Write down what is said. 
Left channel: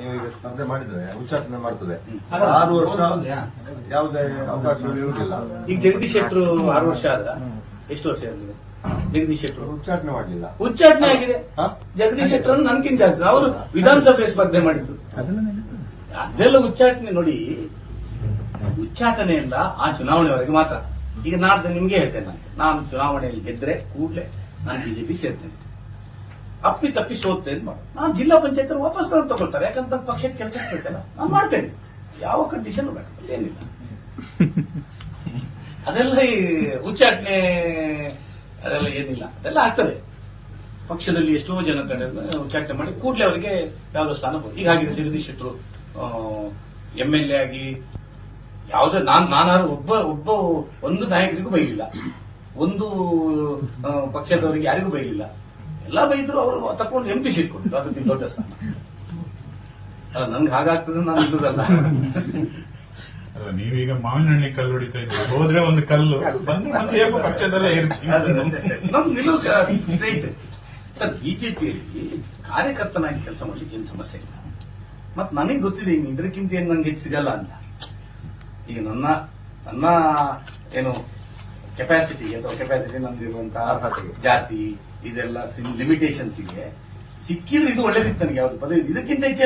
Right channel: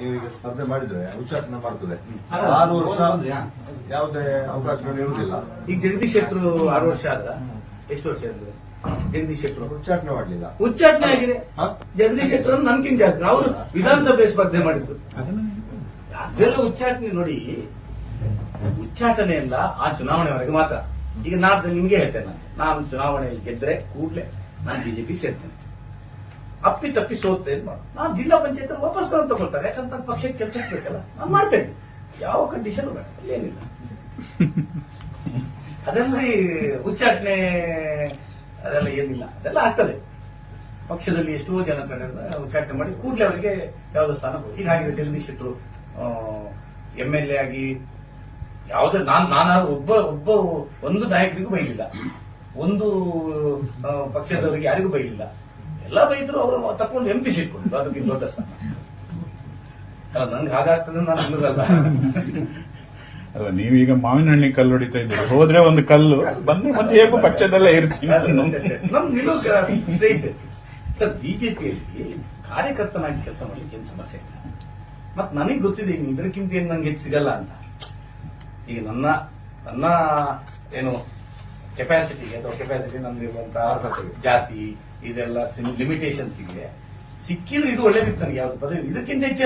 ನೀವು ಈಗ ಸ್ಪರ್ಧೆ ಮಾಡಿದ್ರೆ ಉಚ್ಚಾಟನೆ ಮಾಡ್ತದೆ. ಆರು ವರ್ಷ ಯಾವುದೇ ಅವಕಾಶಗಳು ಇರುವುದಿಲ್ಲ. ಈಗ ಜಗದೀಶ್ ಶೆಟ್ಟರು ಆರು ವರ್ಷ ಆದ್ರ? ಎಷ್ಟು ವರ್ಷ ಆದ್ರು ಜಗದೀಶ್ ಶೆಟ್ಟರು ಉಚ್ಚಾಟನೆ ಮಾಡಲಿಲ್ಲ ಉಚ್ಚಾಟನೆ ಆಗಿದೆ. ಹಾ? ಜಗದೀಶ್ ಶೆಟ್ಟರ್ ನಮ್ಗಿಂತ ಜಾಸ್ತಿ. ಅವರು ವಿಧಾನಸಭೆ ಸ್ಪರ್ಧೆ ಮಾಡಿದ್ದು. ಅದೆಲ್ಲ ಉಚ್ಚಾಟನೆ ನೋಡಿ. ಉಚ್ಚಾಟನೆ ಇಲ್ಲ ಆ ಚುನಾವಣೆವರೆಗೆ ಮಾತ್ರ. ಈಗ ನಾಡ್ದು ನಿಮ್ಗೆ ಹೇಳ್ತೇನೆ ನಾನು. ನಾನು ಚುನಾವಣೆಯಲ್ಲಿ ಗೆದ್ರೆ ಕೂಡಲೇ ನಾನು ಬಿಜೆಪಿ ಸೇರ್ತೇನೆ. ಅಪ್ಪಿ ತಪ್ಪಿ ಸೋತ್ತೇನೆ ಮಾಡು ನಾನು ಜಿಲ್ಲಾ ಪಂಚಾಯತ್ ವಾಪಸ್ ನಾನು ತಗೊಳ್ತಾರೆ. ಯಾಕಂತ ಪಕ್ಷಕ್ಕೆ ಕೆಲಸ ಬೇಕಲ್ಲ ನಾನು ಮಾಡ್ತೇನೆ. ಯಾವ ಕಂಡೀಷನ್ ಬೇಡ, ಏನಿಲ್ಲ. ಅದೆಲ್ಲ ಈ ಉಚ್ಚಾಟನೆ ಅದೆಲ್ಲ ಏನಿಲ್ಲ. ಅದೆಲ್ಲ ಆಗ್ತದೆ. ಪಕ್ಷದಲ್ಲಿ ಎಷ್ಟೋ ಜನ ಕಡೆ ಉಚ್ಚಾಟನೆ ಮಾಡಿ ಕೂಡಲೇ ಅವರಿಗೆ ಯಾವುದೋ ಸ್ಥಾನ ಬರುತ್ತೆ. ಹೀಗಾಗಿ ಜಗದೀಶ್ ಶೆಟ್ಟರು ಎಂ ಎಲ್ ಎ ಆಗಿ ಯಾವುದೇ ನಾನು, ನಾನಾರು ಒಬ್ಬ ಒಬ್ಬ ಒಂದು ನಾಯಕರಿಗೂ ಬೈಲಿಲ್ಲ. ಒಂದು ಪಕ್ಷದವರಿಗೆ ಯಾರಿಗೂ ಬೈಲಿಲ್ಲ. ಎಲ್ಲ ಬೈದ್ರು ಅವರು ತಕೊಂಡು ಎಂ ಪಿ ಸಿಟ್ಕೊಂಡ್ರು ಅದಕ್ಕಿಂತ ದೊಡ್ಡ ಸ್ಥಾನ. ಅಲ್ಲ ನನ್ಗೆ ಹಾಗಾಗ್ತದೆ ನಾನು ಇಲ್ಲದಲ್ಲ. ಅಲ್ಲ ನೀವೀಗ ಮಾವಿನ ಹಣ್ಣಿಗೆ ಕಲ್ಲು ಹೊಡಿತಾ ಇದ್ರೆ ಹೋದ್ರೆ ಒಂದು ಕಲ್ಲು. ಬಂದ್ರೆ ಮತ್ತೆ ಪಕ್ಷದಲ್ಲೇ ಇರ್ತೀನಿ. ನಮ್ ನಿಲುವು ಸ್ಟ್ರೈಟ್ ಸರ್ ಬಿಜೆಪಿಯಲ್ಲಿ ಕಾರ್ಯಕರ್ತನಾಗಿ ಕೆಲಸ ಮಾಡ್ಲಿಕ್ಕೆ ಏನು ಸಮಸ್ಯೆ ಇಲ್ಲ. ಮತ್ ನನಗೆ ಗೊತ್ತಿದೆ ಇನ್ನು ಇದಕ್ಕಿಂತ ಏನು ನಂಗೆ ಹೆಚ್ಚು ಸಿಗಲ್ಲ ಅಂತ. ಈಗ ನನ್ನ ನನ್ನ ಏನು ಕೆಪಾಸಿಟಿ ಅಥವಾ ಕೆಪಾಸಿಟಿ ನಮ್ದಿರುವಂತಹ ಜಾತಿ, ಇದೆಲ್ಲ ಲಿಮಿಟೇಷನ್ಸ್ ಇದೆ ಸಿಕ್ಕಿದ್ರು ಇದು ಒಳ್ಳೇದಿತ್ತು ನನಗೆ ಯಾವ್ದು ಪದವಿ. ಇದಕ್ಕಿಂತ ಹೆಚ್ಚು